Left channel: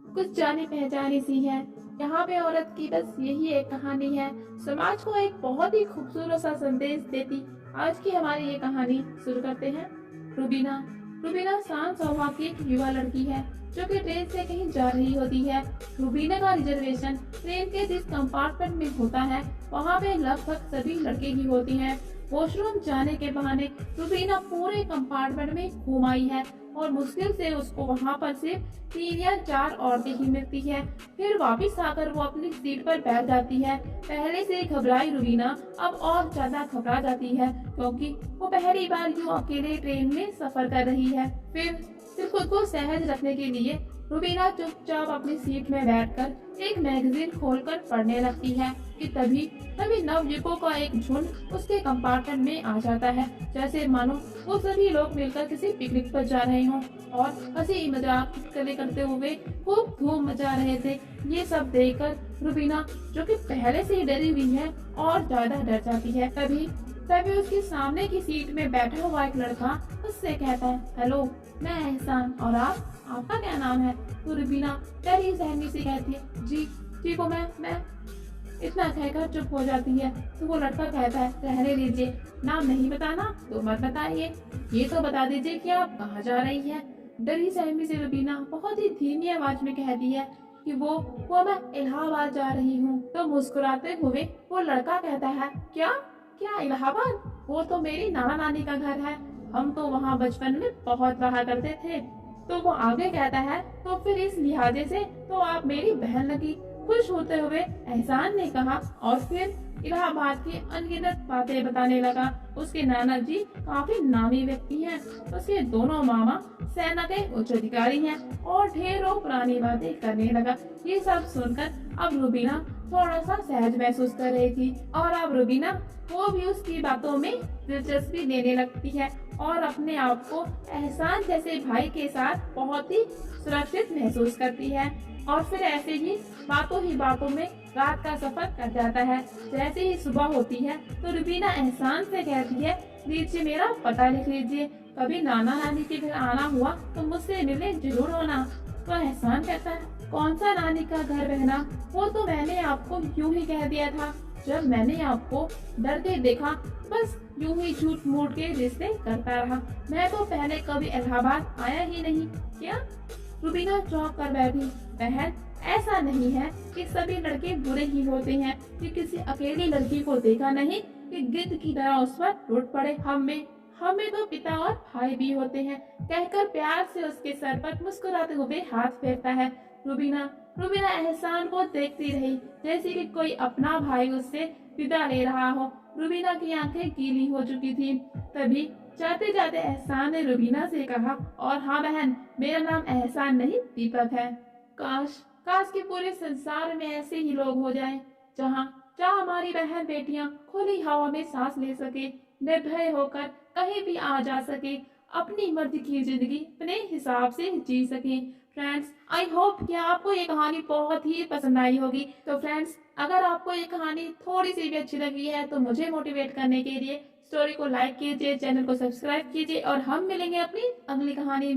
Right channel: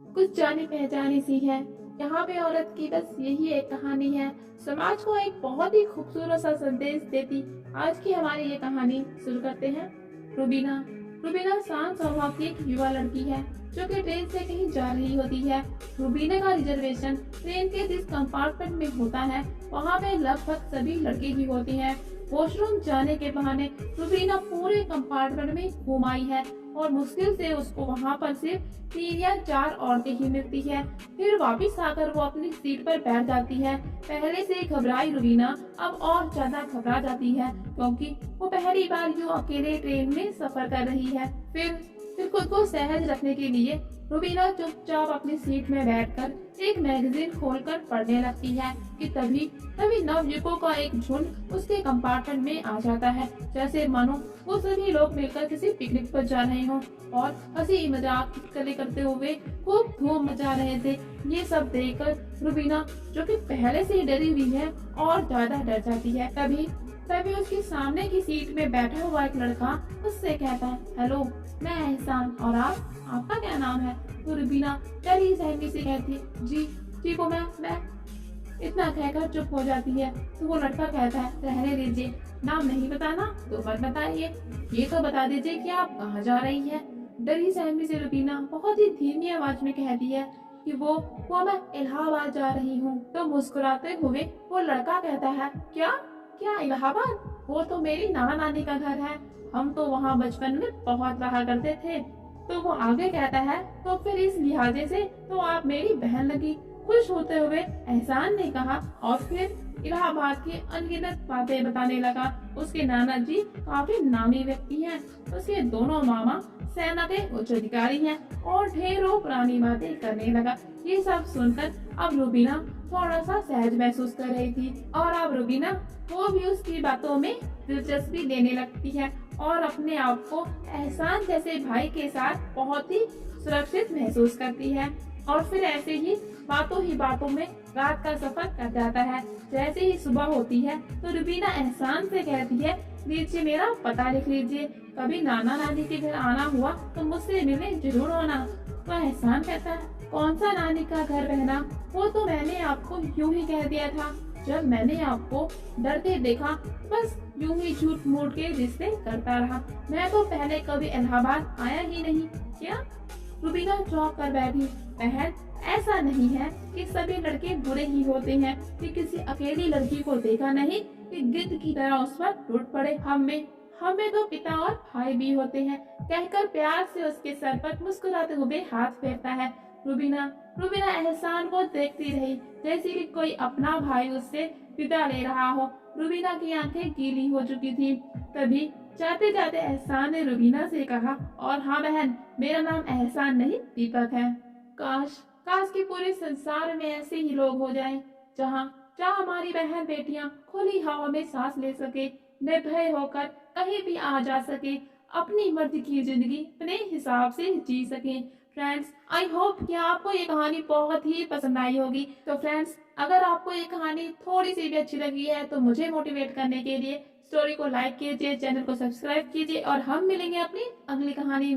कुछ जानी पहचानी सी है। यहाँ पे औरत की बस यही एक कहानी है, समाज को एक बहुत ही खूबसूरत सा संदेश देती। आज की हमारी ये कहानी शुरू करते हैं। रुबीना रुबीना शांत स्वभाव की एक युवा लड़की है जो कि ट्रेन से कहीं जा रही होती है। रुबीना का रिजर्वेशन ट्रेन के जिस कंपार्टमेंट में होता है वहाँ पे लगभग सभी लड़के ही होते हैं। वॉशरूम जाने के बहाने रुबीना पूरे कंपार्टमेंट में घूम आई है और मुश्किल से उसको वहाँ पर सिर्फ 3 या 4 औरतें ही मिलती है। फिर वापस आकर वो अपनी सीट पर बैठ जाती है। पहले से घबराई रुबीना अब और ज्यादा घबरा जाती है क्योंकि वो पहली बार यूं अकेले ट्रेन में सफर कर रही है। फिर खुद को सहज रखने के लिए रुबीना चुपचाप अपनी सीट में बैठकर एक मैगजीन खोलकर पढ़ने लगती है कि तभी तभी नवयुवकों का एक झुंड उसके कंपार्टमेंट में आ जाता है, जैसे मानो वो सभी लोग मिलकर किसी पिकनिक पर जा रहे हों और हंसी मजाक चुटकुले करते हुए खूब धूम मचा रहे थे। ये सब देखकर रुबीना, जो कि पहले से ही डरी हुई है, और ज्यादा डर जाती है। तभी तभी उसके सामने की सीट में बैठा हुआ एक लड़का उससे कहता है, हेलो, मैं एहसान, और आपका क्या नाम है? तो रुबीना डरी सहमी से कहती है, जी जी वो मैं इतना कहकर चुप हो जाती है। तो वो लड़का कहता है, रहने दीजिए, नाम नहीं बताना तो मत बताइए, ये तो बता दीजिए कि आप कहाँ जा रही है। डरी सहमी से रुबीना बहुत ही धीमी आवाज में कहती है कि वो मैं इलाहाबाद जा रही हूँ। तो मुस्कुराते हुए वो लड़का कहता है, क्या क्या इलाहाबाद? वो तो मेरी नाना नानी का घर है, हम तो वहाँ बचपन में बहुत रहा करते थे। तो वो आगे कहता है, तो फिर इस लिहाजे से तो आप मेरी बहन लगी। खुश होते हुए एहसान ने कहा और फिर इलाहाबाद की अनगिनत बातें बताने लगा। उसके नाना जी काफी नामी व्यक्ति हैं, उसके दोनों मामा सेना के उच्च अधिकारी हैं और ढेरों पुरानी बातें करने लगा। ये सब सुनकर अब रुबीना थोड़ा सा सहज महसूस कर रही थी और अब रुबीना वो भी उसकी बातों में दिलचस्पी लेने लगती है और अपने आप को एहसान जैसे भाई के साथ बहुत ही सुरक्षित महसूस करती है। और फिर ऐसे ही बातों में रात का सफर कर जाता है। जैसे ही सुबह होती है तो रुबीना एहसान से कहती है, लीजिए मेरा पता लिख लीजिए, कभी नाना नानी के घर आना हुआ तो मुझसे मिलने जरूर होना। तो एहसान कहता है, कौन सा नानी का घर बहना, वो तो मैंने आपको यूं ही कह दिया था। जब मैंने आपको डरते देखा बस यूं ही झूठ मूठ के रिश्ते करता रहा, मैं तो पहले कभी इलाहाबाद आया ही नहीं। क्या? रुबीना चौंक कर बैठी। बहन, ऐसा नहीं है कि सभी लड़के बुरे ही होते हैं कि किसी अकेली लड़की को देखा नहीं कि गिद्ध की तरह उस पर टूट पड़े। हमें तो पिता और भाई भी होते हैं, कहकर प्यार से उसके सर पर मुस्कुराते हुए हाथ फेरता है। रुबीना रुबीना एहसान को देखती रही जैसे कि कोई अपना भाई उससे विदा ले रहा हो। रुबीना की आंखें गीली हो चुकी थी। तभी जाते जाते एहसान ने रुबीना से कहा, और हाँ बहन, मेरा नाम एहसान नहीं दीपक है। काश काश कि पूरे संसार में ऐसे ही लोग हो जाएं, जहाँ जहाँ हमारी बहन बेटियां खुली हवा में सांस ले सके, निर्भय होकर कहीं भी आ जा सके, अपनी मर्जी की जिंदगी अपने हिसाब से जी सके। फ्रेंड्स, आई होप कि आपको ये कहानी बहुत ही पसंद आई होगी। तो फ्रेंड्स, अगर आपको ये कहानी थोड़ी सी भी अच्छी लगी है तो मुझे मोटिवेट करने के लिए स्टोरी को लाइक कीजिए, चैनल को सब्सक्राइब कीजिए और हम मिलेंगे अपनी अगली कहानी में।